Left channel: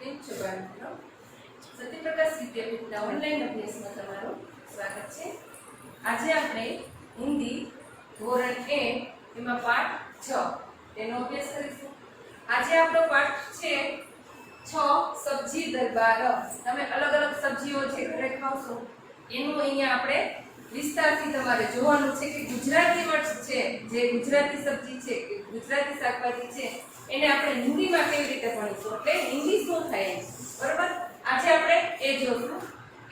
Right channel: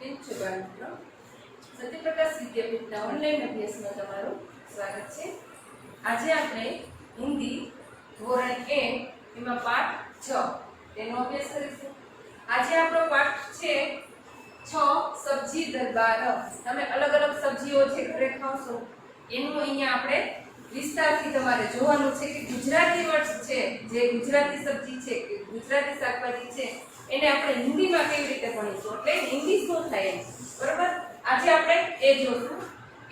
કેમ છો બાળકો? સત્યપ્રકાશ વિદ્યાપીઠના ઓનલાઈન અભ્યાસમાં તમારું સ્વાગત છે. આજે આપણે હિન્દી ધોરણ 1 એમાં પાઠ 6 તેનો અભ્યાસ કરીશું. આજે આપણો પાઠ છે 6 સબ્જી દરબાર. તમે અલગ અલગ સબ્જીઓ જે ઘરે ખાવશો એનું અહીંયા આપણે વિસ્તારથી તમારે જોવાનું છે કે ગુજરાતી વર્ડ છે, જે ગુજરાતી સબ્જી છે કે ગુજરાતી શાકભાજી છે એને આપણે હિન્દીમાં કેવી રીતે ભણીશું, એટલે હિન્દી શું થાય એમ. બરાબર? આજે આપણે એ જોશું.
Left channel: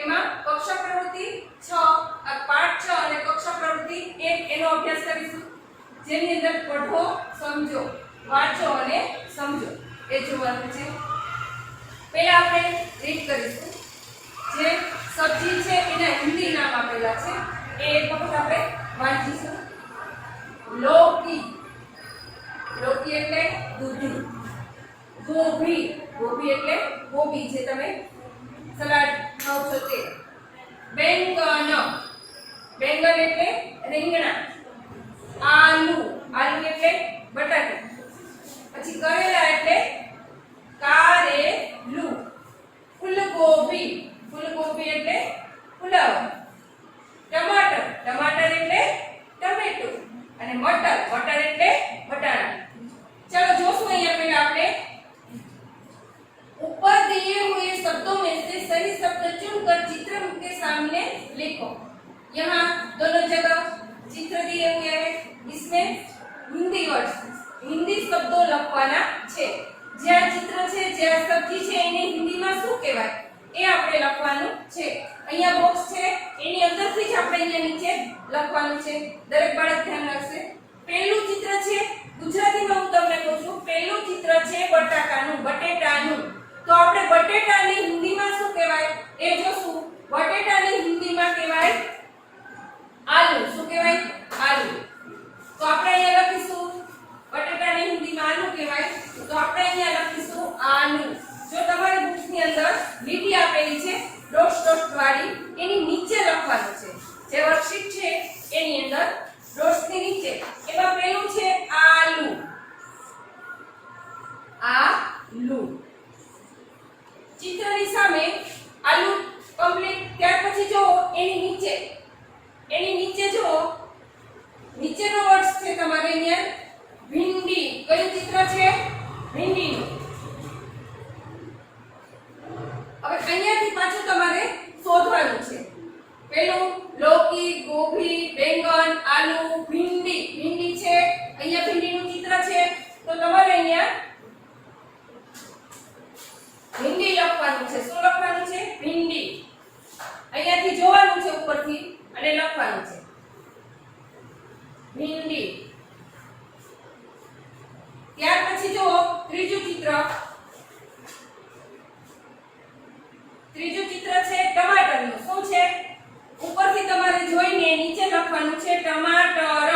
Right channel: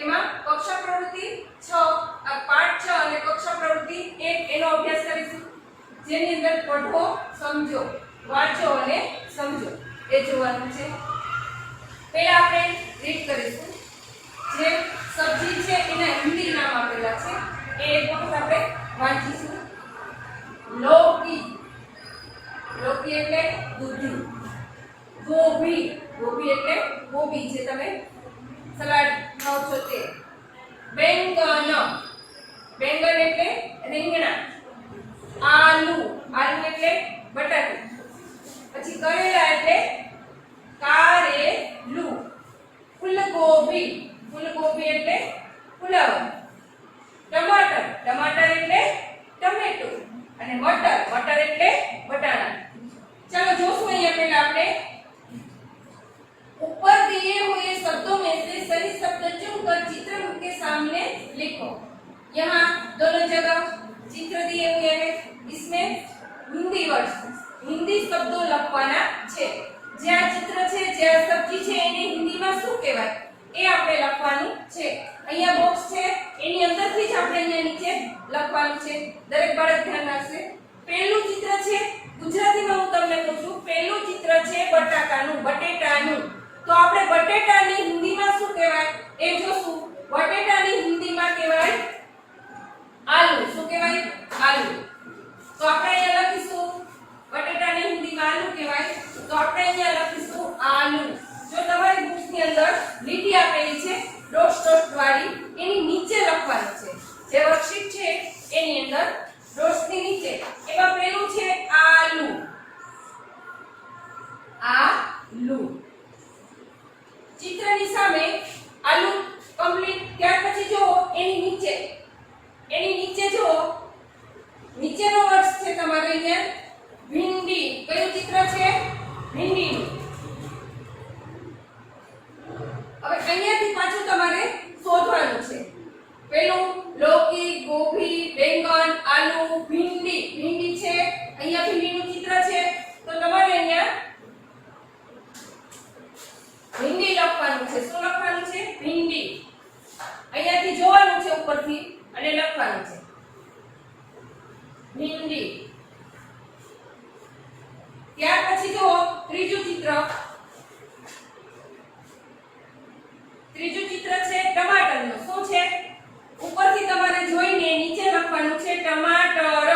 એમાં કક્ષા પ્રવૃત્તિ 6 પાઠ 6 અને કક્ષા પ્રવૃત્તિ 1 એનો અભ્યાસ કરીશું, જેની અંદર પઢો, સમજો, વાંચો અને સમજો એ જોવાનું છે. પહેલા આપણે રીડ કરીશું. જે સબ્જી છે એના હિન્દી નામ આપેલા છે એ એક વખત આપણે વાંચીશું. લૌકી, લૌકી એટલે દૂધી. ગોભી, ગોભી એટલે કોબી જે તમે સલાડ ખાવ છો તે. બેંગન, બેંગન એટલે રીંગણા. આલુ, આલુ એટલે બટાકા. પછી કરેલા એટલે કારેલું. ફૂલગોબી, ફૂલગોબી એટલે ફુલાવર. ટમાટર, ટમાટર એટલે ટમેટું. અને મટર, મટર એટલે બટાણા. चलो જોશું અહીંયા પહેલા આપણે ऊपर दिए हुए शब्दों में से सही शब्द चुनकर चित्र के सामने लिखो. यहाँ दोनों जगह चित्र दिए हुए हैं, इसमें हिंदी वर्ड्स, हिंदी शब्दों લખવાના છે. જે આ ચિત્ર છે, જે સબ્જી છે એને હિન્દીમાં શું કહેવાય એ આપણે લખવાનું છે. અહીંયા બોક્સ છે એની અંદરથી જ આપણે અહીંયા નીચે લખવાનું છે. દરેક બાળક ધ્યાન રાખશે. પહેલું ચિત્ર છે ગુજરાતીમાં હું તમને કહું છું, પહેલું ચિત્ર છે બટાકાનું, બટેટાનું. તો આપણે બટેટાને હિન્દીમાં શું કહેવાય એ જોશું. બટેટાને હિન્દીમાં કહેવાય આલુ. શું કહેવાય? આલુ. તો આપણે અહીંયા લખીશું બટેટાને હિન્દીમાં આલુ કહેવાય, તો આપણે અહીંયા લખીશું આલુ. જો તમારી બુક્સની અંદર લીટી આપેલી છે ડોટ ડોટ વાળી, એની નીચે લખવાનું છે. જે વર્કશીટ છે એની અંદર ડોટ્સની નીચે એમાં પહેલું છે આલુ. આલુ ચિત્રની સામે આલુ કમ્પ્લીટ. ત્યાર પછી જો એની નીચે જો નીચેનો વર્ડ છે તમારે અહીંયા ભીંડી. કયું ચિત્ર છે? ભીંડીનું. હવે અહીંયાથી પાછું તમારે શોધવાનું છે. પેલું લૌકી, ગોભી, બેંગન, આલુ, ભીંડી. ભીંડી છે અહીંયા, ભીંડીનું ચિત્ર છે, તો તમારે અહીંયા ભીંડી લખવાનું છે. શું લખવાનું છે? ભીંડી. અહીંયાથી જોવાનું છે ઉપરથી અને લખવાનું છે ભીંડી. ત્યાર પછી જો ત્રીજું ચિત્ર, ત્રીજું ચિત્ર છે ટમાટરનું. શું છે? ઉપરથી તમારે જોઈને નીચે લખવાનું છે ટમાટર.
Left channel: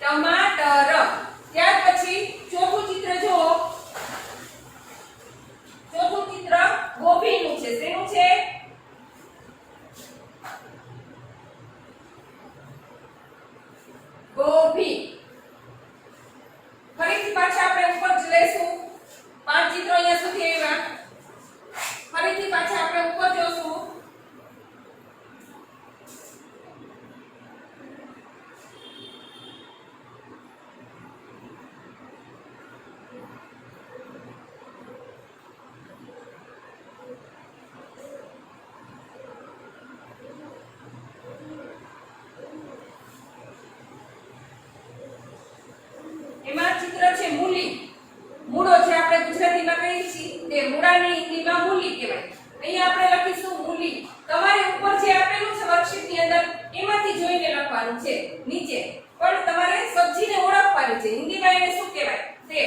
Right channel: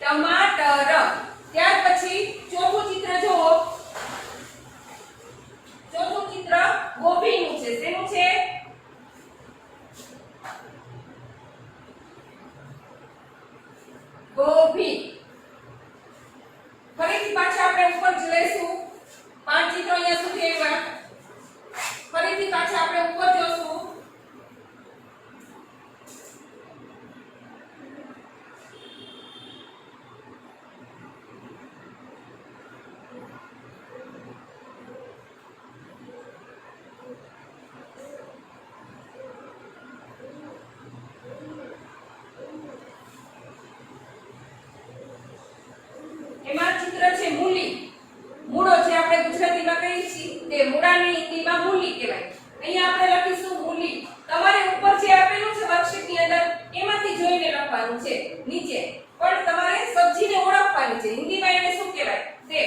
ટમાટર. ત્યાર પછી ચોથું ચિત્ર જુઓ. ચોથું ચિત્ર ગોભીનું છે. શેનું છે? ગોભી. ફરીથી પાછા આપણે ઉપર જ લઈશું. 5 ચિત્રો અહીંયા સુધી આવ્યા. ફરીથી પાછા આપણે ઉપર જોશું. એમાં ચિત્ર છે મૂલી. મૂળો જે આપણે ગુજરાતીમાં કહીએ છીએ તે મૂળાને હિન્દીમાં મૂલી કહેવાય. અહીંયા આપણે લખીશું મૂલી. તમારે ઉપર જે આપેલું છે વર્કશીટની અંદર એમાંથી જોઈને લખવાનું છે નીચે. પણ તમારે સબ્જીને ઓળખવાની છે. હિન્દીમાં એને શું કહેવાય તે.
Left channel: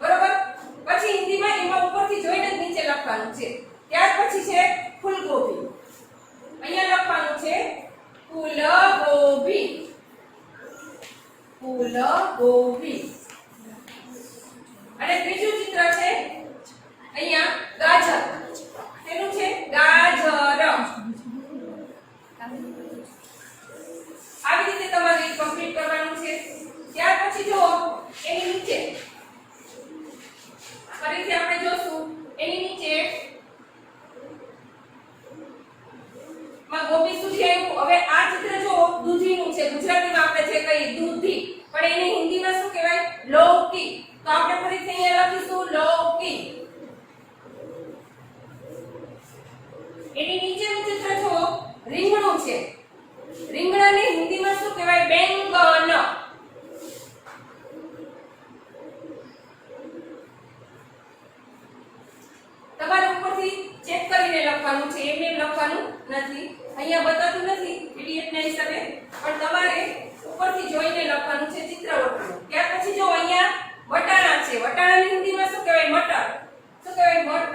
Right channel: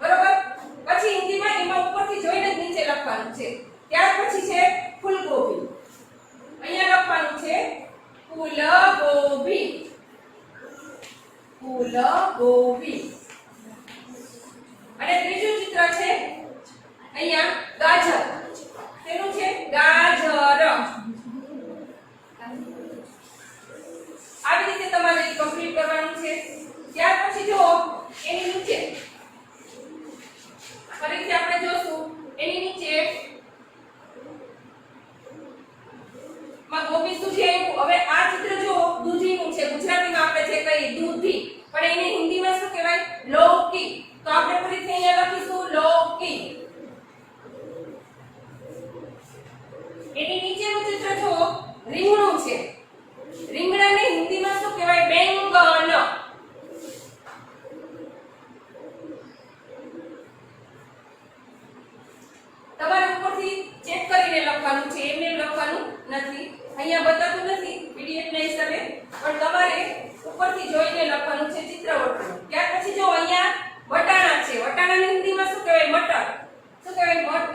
બરોબર? પછી હિન્દીમાં એમાં ઉપરથી જોઈને જ નીચે લખવાનું છે. ત્યાર પછી છે ફૂલગોબી. અહીંયા લખવાનું છે ફૂલગોબી. ફૂલગોબી. અને ત્રીજું ચિત્ર છે અહીંયા ગાજર. તેનું છે ગાજર. આવી રીતે તમારે કમ્પ્લીટ કરવાનું છે. એમાં ગોપી સુધી આવ્યું. હવે આ ચિત્ર જો દૂધીનું છે, ગુજરાતીમાં આપણે જે કહીએ દૂધી, પણ એને હિન્દીમાં શું કહેવાય? લૌકી. તો આપણે ફરીથી અહીંયા લખીશું લૌકી. એની નીચેનું ચિત્ર જો રીંગણું છે, રીંગણાને હિન્દીમાં શું કહેવાય? બેંગન. તમારે ઉપરથી ચેક કરીને લખવાનું છે, એમને લખવાનું નથી. અહીંયા બતાતું નથી પીડીએફ ના હિસાબે, પણ તમારે ઉપરથી જોઈને લખવાનું છે ચિત્ર વર્તુળ. ત્યાર પછી જો અહીંયા વટાણા છે, વટાણાની હિન્દીમાં શું કહેવાય? મટર. શું કહેવાય? મટર.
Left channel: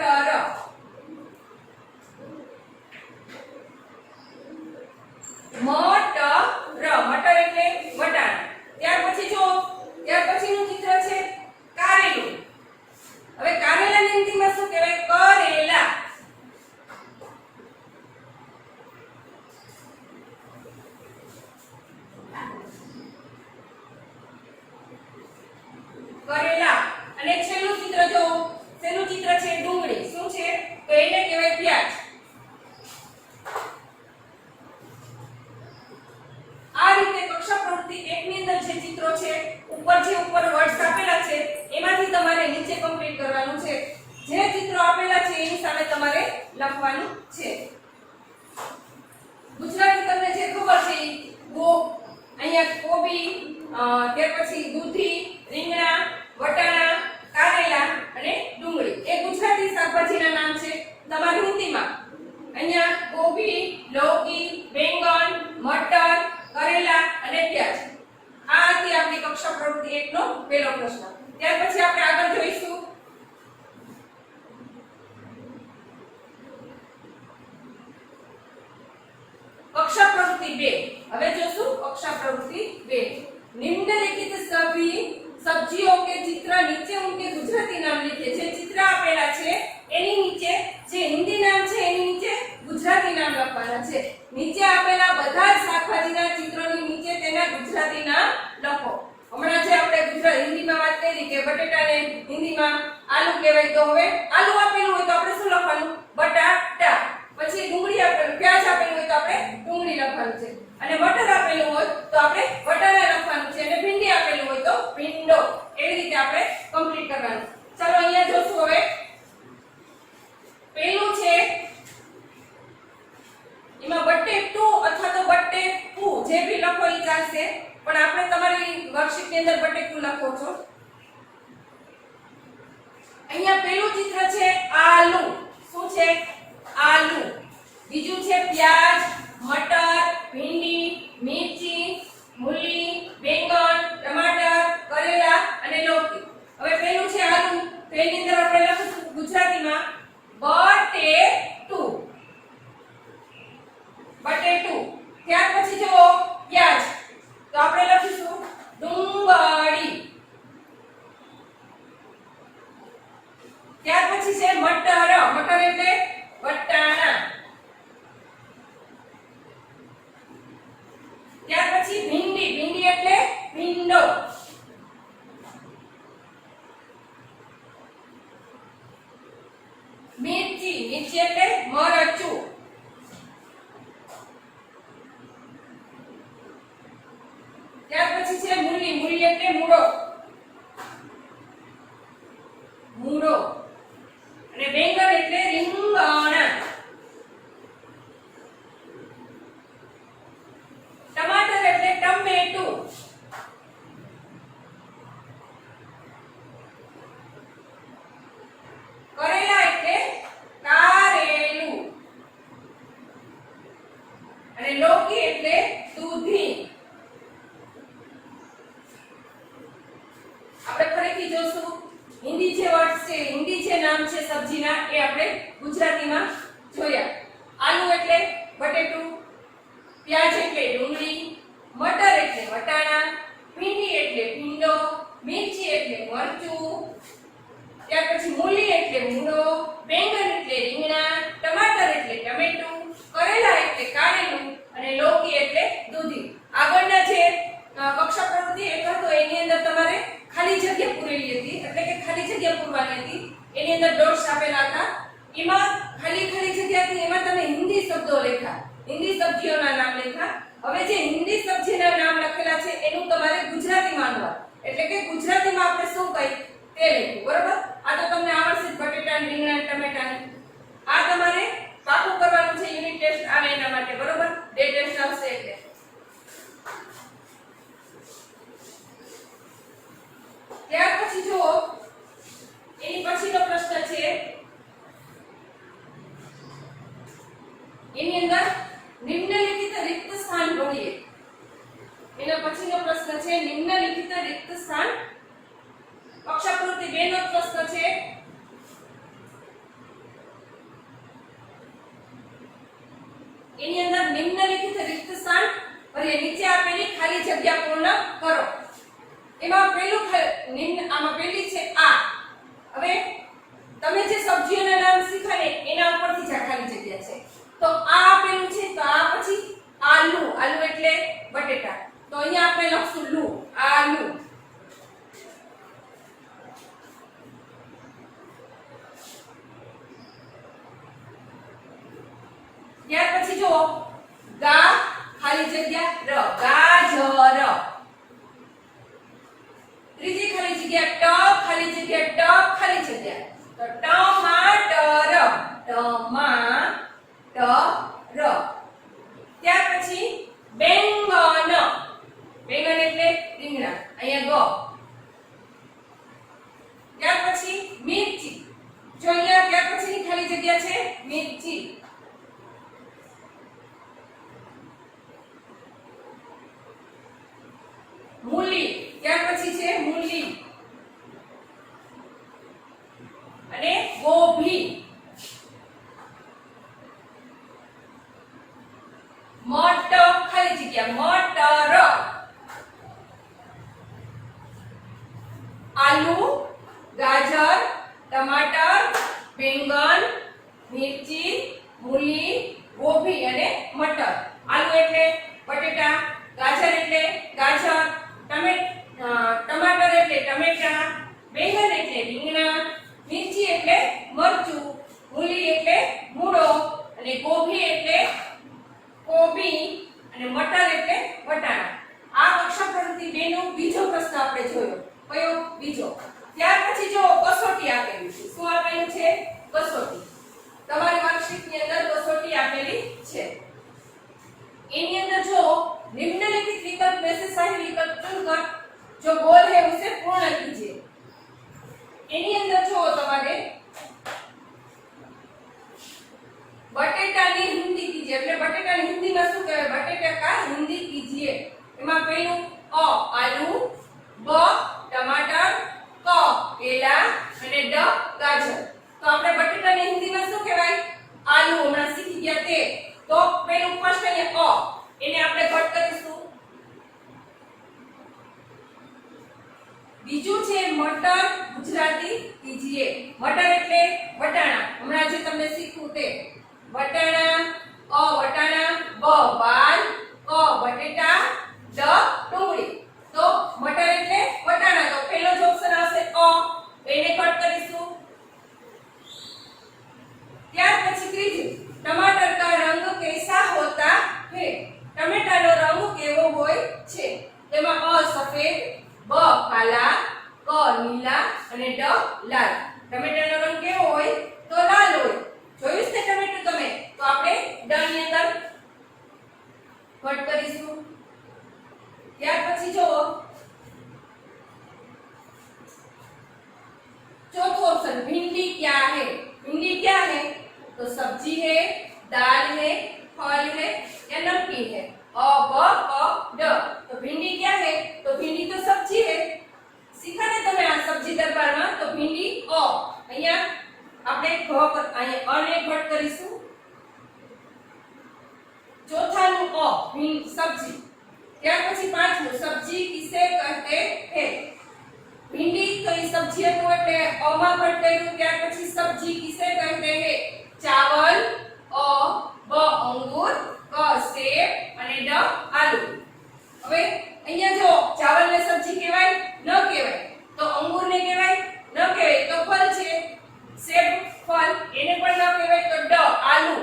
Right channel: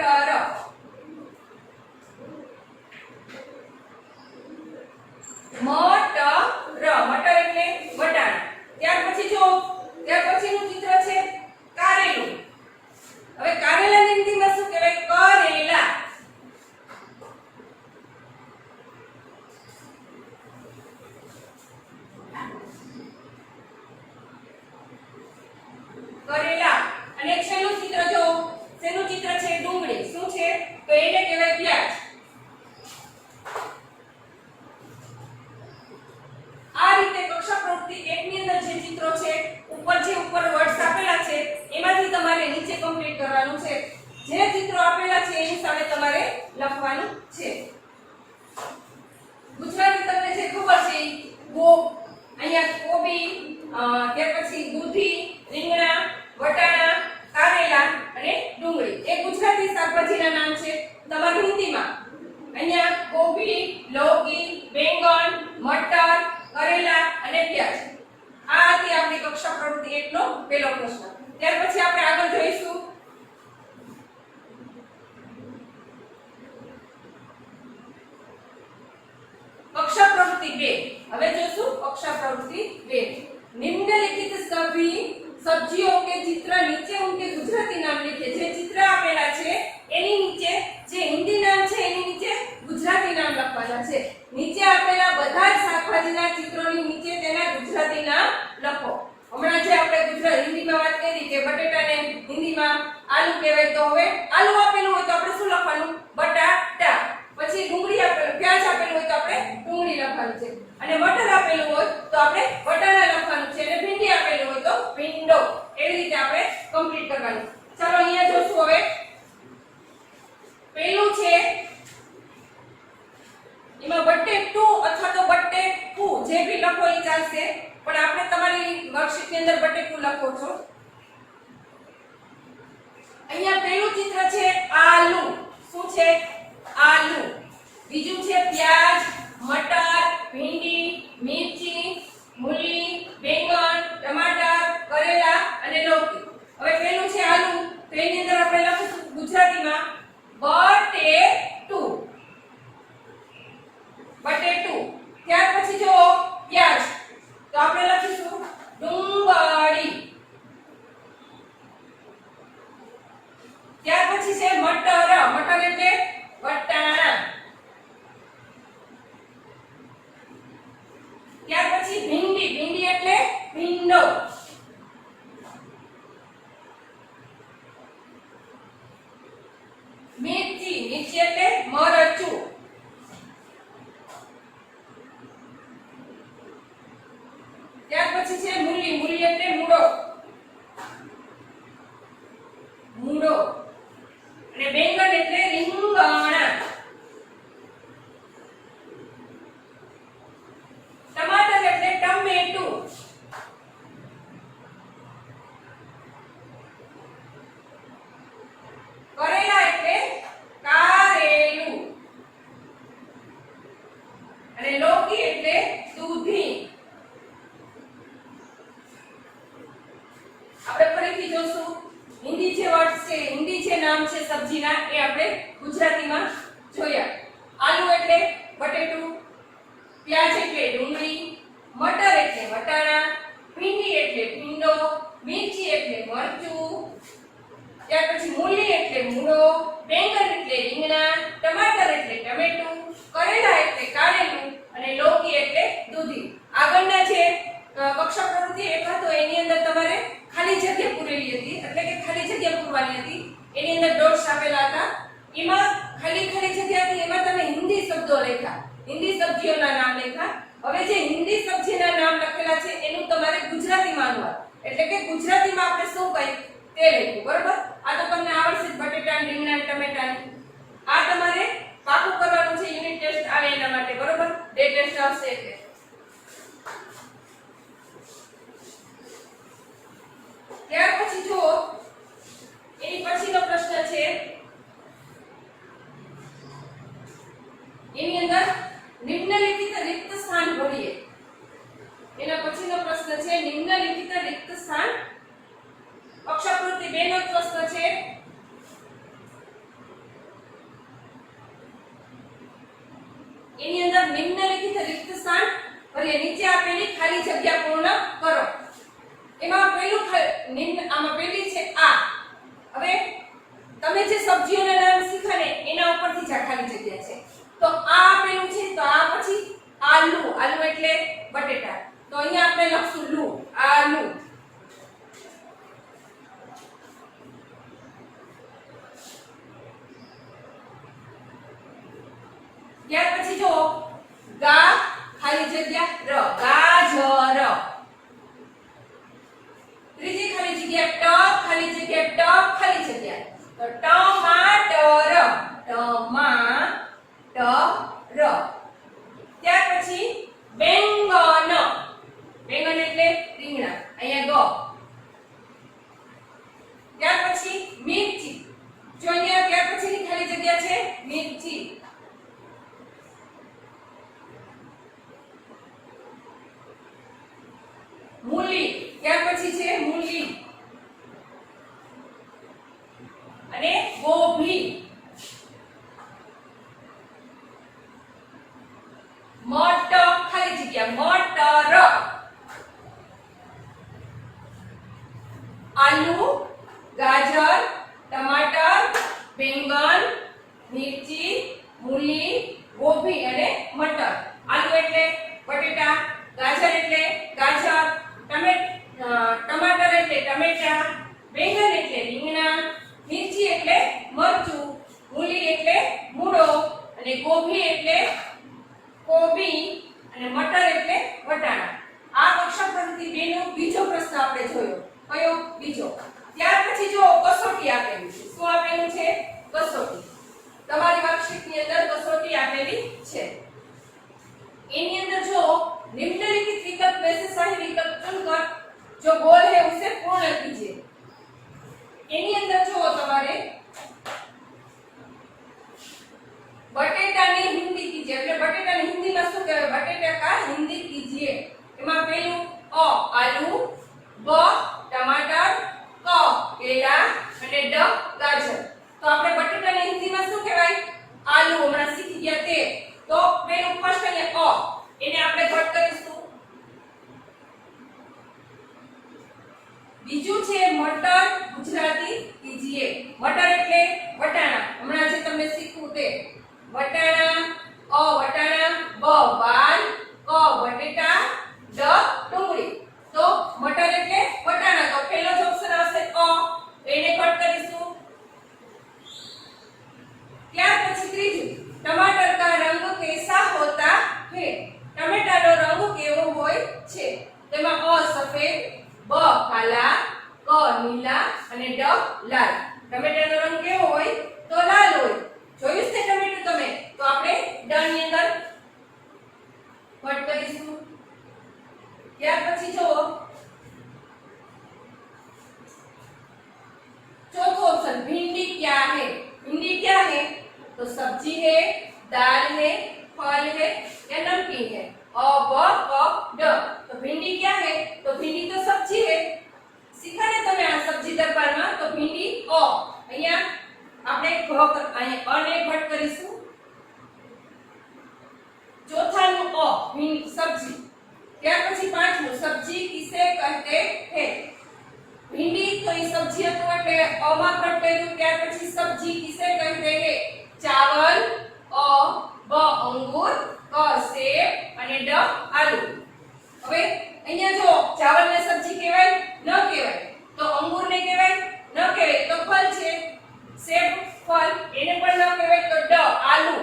મટર એટલે વટાણા. ત્યાર પછી જો ત્યાર પછીનું ચિત્ર છે કારેલું. હવે કારેલાની હિન્દીમાં શું કહેવાય? કરેલા. કરેલા. અને છેલ્લું ચિત્ર જો શેનું ચિત્ર છે? ડુંગળી. શું છે? તો એને કહેવાય પ્યાજ. આ રીતે કક્ષા પ્રવૃત્તિ 1 ની અંદર જે ચિત્રો છે, ઉપર વર્ડ્સ આપેલા છે, એમાંથી તમારે નીચે કમ્પ્લીટ કરવાનું છે. જે ચિત્રો આપેલા છે એની સામે તમારે લખવાનું છે. ગુજરાતી તમને જે ખબર છે, અહીંયા કોબી, ત્યાર પછી દૂધી, રીંગણા, વટાણા, કારેલા અને ડુંગળી એ ગુજરાતી શાકભાજીના નામ છે. તમારી હિન્દીમાં અહીંયા કોબી, લૌકી, બેંગન, મટર, કરેલા અને પ્યાજ. આ હતી આપણી કક્ષા પ્રવૃત્તિ 1 નો પહેલો પ્રશ્ન. ત્યાર પછી આપણે આગળ જોઈશું કક્ષા પ્રવૃત્તિ 2. હવે જોશું કક્ષા પ્રવૃત્તિ 2. निम्नलिखित सभी सब्जियों के चित्र नीचे उनके गुजराती नाम लिखे. જે ચિત્ર આપેલા છે એની નીચે જે હિન્દી નામ છે એની નીચે ગુજરાતી નામ લખવાના છે. નીચે આપેલા બધા જ શાકભાજીના ચિત્રોની નીચે તેના ગુજરાતી નામ લખો. હમણાં જે આપણે ગુજરાતી હિન્દીમાં વાત કરી કે બટેટાને હિન્દીમાં આલુ કહેવાય, તો હવે આલુ આપેલું હોય તો આપણે શું લખવાનું? બટાટા. પછી ડુંગળી આપેલું, પ્યાજ આપેલું હોય તો આપણે ડુંગળી લખવાનું છે. અને મટર આપેલું હોય તો આપણે વટાણા લખવાનું છે. અને ભીંડી આપેલું હોય તો ભીંડો. એવી રીતે આપણે કમ્પ્લીટ કરવાનું. ચાલો અહીંયા જોશું. હવે પેલું છે એમાં બટેટું અથવા તો બટેકું જે ભી લખો એ ચાલશે, પણ આપણે તમારી વર્કશીટ ની અંદર બટેકું લખો છો. અહીંયા પેલું ચિત્ર છે આલુ. શું છે? આલુ. બીજું છે પ્યાજ, મટર, ભીંડી, મિર્ચી, મૂલી, બેંગન, ટમાટર, કરેલા અને લૌકી. હવે પેલું છે આલુ, તો એની અંદર આપણે લખીશું ગુજરાતીમાં બટેટું. બટેટું. ત્યાર પછી જો પ્યાજ, તો આપણે લખીશું ડુંગળી. ત્યાર પછી છે મટર. મટર એટલે વટાણા. ત્યાર પછી ભીંડી. ભીંડી એટલે ભીંડો. મિર્ચી. મિર્ચી એટલે મરચું. ત્યાર પછી છે મૂલી. મૂલી એટલે મૂળો. મૂળો. અને બેંગન એટલે રીંગણા. ટમાટર એટલે ટમેટું. કરેલા એટલે કારેલું. અને લૌકી એટલે દૂધી. આપણે ફરીથી જોશું. હિન્દી જે વર્ડ છે, હિન્દી જે નામ છે સબ્જીના, એ આપણે ગુજરાતીમાં જોયા. આલુ એટલે બટેટું, પ્યાજ એટલે ડુંગળી, મટર એટલે વટાણા, ભીંડી એટલે ભીંડો, મિર્ચી એટલે મરચું, ત્યાર પછી મૂલી એટલે મૂળો, બેંગન એટલે રીંગણા, ટમાટર એટલે ટમેટું, કરેલા એટલે કારેલું અને લૌકી એટલે દૂધી. આગળના જે કક્ષા પ્રવૃત્તિ 1 હતો એની અંદર તમારે ખાલી જગ્યા પૂરેલી હતી, એટલે કે ખાલી જગ્યા પૂરવાની હતી. એની અંદર ડોટ્સ આપેલા હતા. એમાં ખાલી જગ્યા હતી, એમાં તમે હિન્દી શબ્દો લખ્યા. હિન્દી સબ્જીઓના નામ લખ્યા. હવે જે હિન્દી સબ્જીના નામ લખેલા છે એનું તમારે ગુજરાતીમાં અનુવાદ એટલે કે ગુજરાતીમાં આપણે શું કહી તે લખવું. બરોબર? આ તો તમને આવડશે જ, બટેટા, રીંગણા, ટમેટા. આ તમારે પાકું કરવાનું છે. યુનિટ ટેસ્ટ આવે એના માટે. બરોબર? બે ટેસ્ટ આવશે એટલે. ત્યાર પછી જો એની પછીનો પ્રશ્ન છે, એની અંદર નિમ્નલિખિત રિક્ત સ્થાન ભરીએ. એના પછીનો પ્રશ્ન છે નિમ્નલિખિત રિક્ત સ્થાન. પક્ષાકૃતિ 2 નો પ્રશ્ન છે. એની અંદર નિમ્નલિખિત રિક્ત સ્થાન ભરીએ. નીચે આપેલી ખાલી જગ્યા પૂર્ણ કરો. એમાં પહેલું આમાં પહેલી છે આ. હવે તમે જે સબ્જીઓના નામ શીખ્યા ને એના ઉપરથી જ ખાલી જગ્યા છે. તો આ આપેલું છે, તો આ પછી આલુ. આલુ એટલે બટેટા. તો અહીંયા આપણે લખશું લુ, આલુ. ત્યાર પછી જો ગા ખાલી જગ્યા ર, ગાજર. ત્રીજી ખાલી જગ્યા ટ, ખાલી જગ્યા ટ, ખાલી જગ્યા. તો ટમાટર, ટમાટર. ત્યાર પછી બેંગન. બેંગન એટલે રીંગણા. અહીંયા ગ. ત્યાર પછી મિર્ચી. જો અહીંયા ત્યાર પછીની ખાલી જગ્યા છે મિર્ચી. મૂલી. ત્યાર પછી છે મૂલી અને ગોભી. મટર ખાલી જગ્યા મટર. આલુ, ગાજર, ટમાટર, બેંગન, મિર્ચી, મૂલી, ગોભી અને મટર. આલુ એટલે બટેટા, ગાજર એટલે ગાજર, ટમાટર એટલે ટમેટા, બેંગન એટલે રીંગણા, મિર્ચી એટલે મરચું, મૂલી એટલે મૂળો અને ગોભી એટલે કોબી અને મટર એટલે વટાણા. આ પક્ષાકૃતિ 2 નો બીજો પ્રશ્ન આપણે જોયો. કયો? બીજો. ત્યાર પછી જો કસોટી આપેલી છે. શું આપેલું છે? કસોટી. તમારી માર્કશીટની અંદર કસોટી આપેલી છે. એની અંદર જો निम्नलिखित विकल्प में से सही विकल्प चुनकर जो गोल है उसे पूर्ण कीजिए. એની અંદર જો તમારે બટેટાની હિન્દી કીજીએ એટલે બટેટાની હિન્દીમાં શું કહેવાય? બટેટા કા હિન્દી કીજીએ. એમાં પહેલું અ આલુ, બ ટમાટર, ક કેળા અને ડ ગાજર. તો આપણે બટેટાની હિન્દીમાં શું કહેવાય? આલુ. હમણાં શીખી ગયા તે. તો પહેલું ફર્સ્ટ અને અ એને આપણે ઘટ કરીશું. બીજું છે મટર, ગુજરાતી કીજીએ. મટર એટલે વટાણા. હમણાં જે તમને શીખવું તે વટાણા. અ વટાણા, બ બાલ, ક બટેટા, ડ ડુંગળી. તો મટર એટલે વટાણા. તો પહેલો જ ઓપ્શન આવશે અ. એને કટ કરીશું. ત્યાર પછી ત્રીજું टमाटर का रंग कैसा होता है? टमेटाનો રંગ કેવો હોય છે? તેમાં અ સફેદ, બ કાલા, ક નીલા અને ડ લાલ. ટમેટાનો રંગ કેવો હોય? તો લાલ હોય. જોયું છે ટમેટું તમે? તો આપણે ડ ની અંદર કટ કરીશું. ત્યાર પછી જો चौथा ऑप्शन भिंडी क्या है? भिंडी क्या है? तो सब्जी है, दाल है, फल है या नमकीन है? अ ब क ड. तो भिंडी क्या है? तो भिंडी तो सब्जी है. सीखा ने તમે આ સબ્જી દરબારમાં? તો भिंडी अ. અહીંયા આપણે અને ઘટ કરીશું. ચોથાનું અ સબ્જી. ત્યાર પછી પાંચમું સબ્જી કિસે કહેતે હે? भिंडी तो ये सब्जी है तो એટલે અમાં કટ કર્યું. ત્યાર પછી સબ્જી કિસે કહેતે હે? ચાવલ, અ બ અંગૂર, ક સેબ અને ડ આલુ. હવે અહીંયા જો ચાવલને સબ્જી કહેવાય? ન કહેવાય. તો અંગૂરને કહેવાય? ન કહેવાય. તો ફળ છે. સેબ ફળ એને પણ ન કહેવાય. તો ડ આલુ.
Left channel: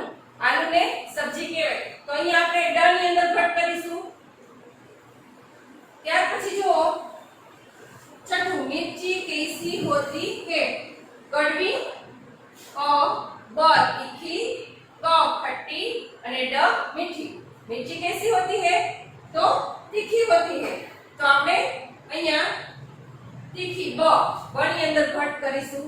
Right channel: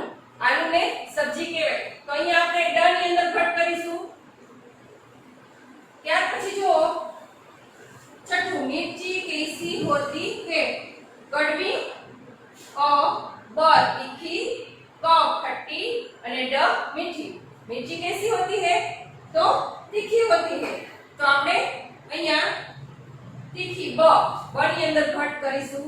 આલુને સબ્જી કહેવાય. તો અહીંયા આપણે ડ ની અંદર ઘટ કરીશું. ત્યાર પછી જુઓ छठू मिर्ची कैसी होती है? कड़वी, अ ब तीखी, क खट्टी અને ड मीठी. मिर्ची कैसी होती है? तो तीखी होती है. तो આપણે અહીંયા तीखी ब ની અંદર ઘટ કરીશું.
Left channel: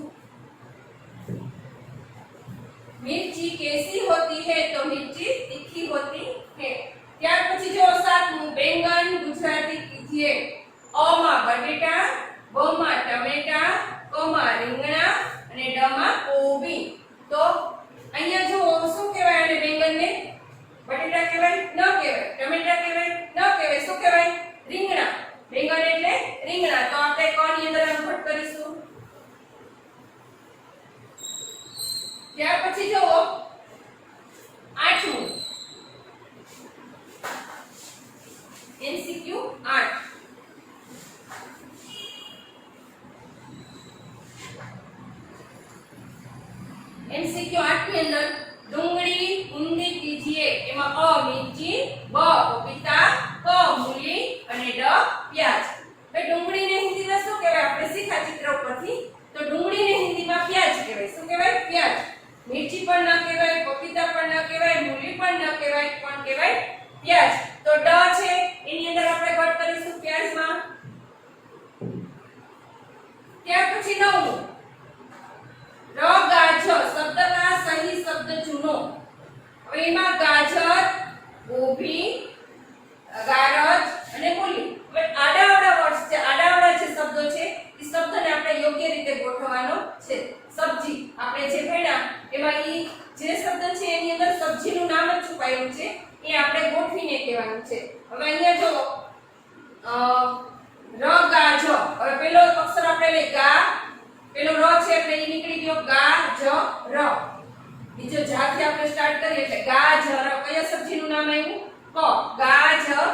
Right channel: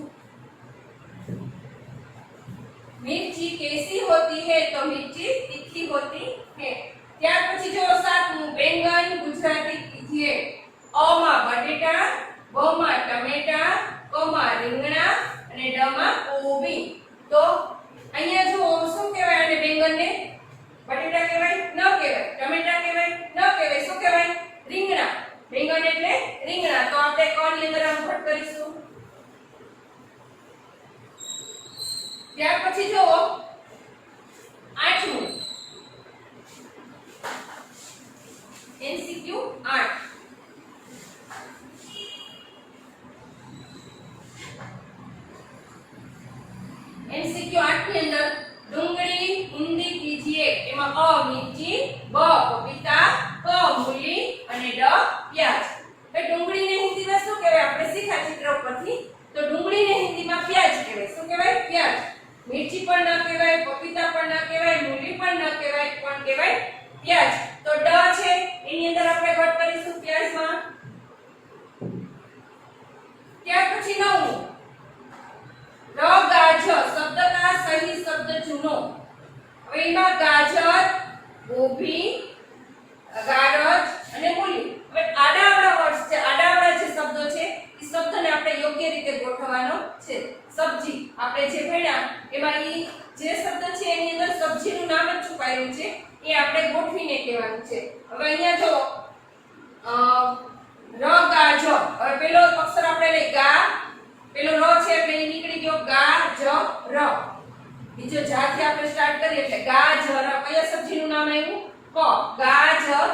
मिर्ची कैसी होती है? तो मिर्ची तीखी होती है. ત્યાર પછી જો સાતમું બેંગન ગુજરાતી કીજીએ. અ માં બટેટા, બ માં ટમેટા, ક માં રીંગણા અને ડ માં કોબી. તો અહીંયા જો શું કહેવાય આને બેંગનને? બટેટા કહેવાય? ન કહેવાય. ટમેટા કહેવાય? ન કહેવાય. શું કહેવાય? રીંગણા. બેંગન એટલે રીંગણા. તો આપણે ક ની અંદર આમ ઘટ કરીશું. ત્યાર પછી જો આઠમું એમસીક્યુ 8. एमसीक्यू 8 ની અંદર ડુંગળી ઊંધી કીજીએ. એમાં અ મિર્ચી, બ પપીતા, ક મૂલી અને ડ પ્યાજ. એ ડુંગળીને હિન્દીમાં શું કહેવાય? આપણે શીખ્યા ચિત્ર ઉપરથી. તો ડુંગળીને હિન્દીમાં પ્યાજ કહેવાય. શું કહેવાય? પ્યાજ. મિર્ચી પણ ન કહેવાય, પપીતા પણ ન કહેવાય, મૂલી પણ ન કહેવાય, પણ કહેવાય પ્યાજ. તો ડ છે એની અંદર આપણે ઘટ કરીશું પ્યાજમાં. ત્યાર પછી નવમું र गाजर. शब्द का सही शब्द चुनो. હવે એમાં ગાજર, ગોભી, ગારજ અને મૂલી. હવે આડાવડા વર્ડ્સ છે, આડાવડા જે શબ્દો છે એ શબ્દને આપણે યોગ્ય રીતે ગોઠવવાનો છે. સબ્જી આપણે જે ભણ્યા એમાં ઈ જે શબ્દ છે એની અંદર સબ્જીનું નામ જ છુપાયેલું છે એ આપણે ગોઠવીને કહેવાનું છે. હવે અહીંયા જો ર ગાજર. હવે પેલો અક્ષર આપણે લે ગા, પેલો ર છે એટલે એ નીકળી ગયો ગા જ ર. બીજો જાથી આપણે સ્ટાર્ટ કરીએ એટલે ગાજર. કયા સબ્જીનું નામ આવ્યું? ક. ગાજર.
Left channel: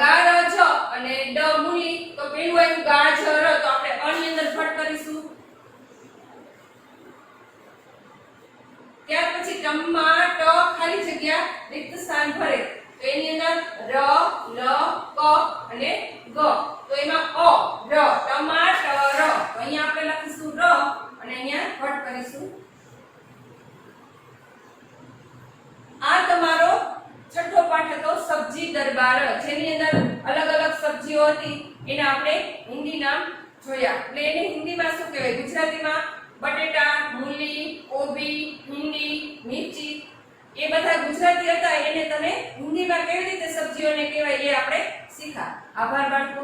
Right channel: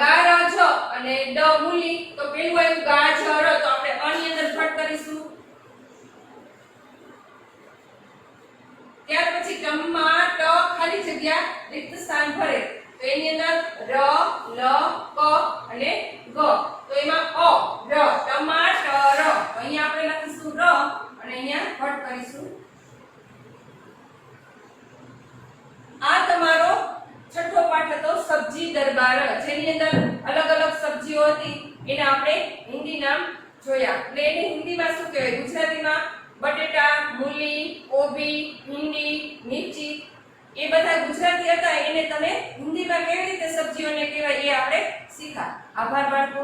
ગારજ અને ડ મૂલી. તો પેલું આવ્યું ગાજર. તો આપણે અ ની અંદર ઘટ કરીશું. ત્યાર પછી ટમાટ ખાલી જગ્યા રિક્ત સ્થાન ભરે. તો એની અંદર ર, લ, ક અને ગ. તો એમાં અ ર ટમાટર. તો અહીંયા આપણે લખીશું ર અને અહીંયા ઘટ કરીશું. આ તમારો છઠ્ઠો પાઠ હતો સબ્જી દરબાર, જેની અંદર અલગ અલગ સબ્જીઓ હતી એને આપણે હિન્દી નામ જોયા. એટલે એને હિન્દીમાં શું કહેવાય? ગુજરાતીમાં બટેટા, મૂલી, કોબી, ભીંડી, મિર્ચી એ બધા ગુજરાતી હતા. એને તમે હિન્દીમાં કેવી રીતે સબ્જીઓને કહેવાય એ આપણે શીખા. આભાર બાળકો.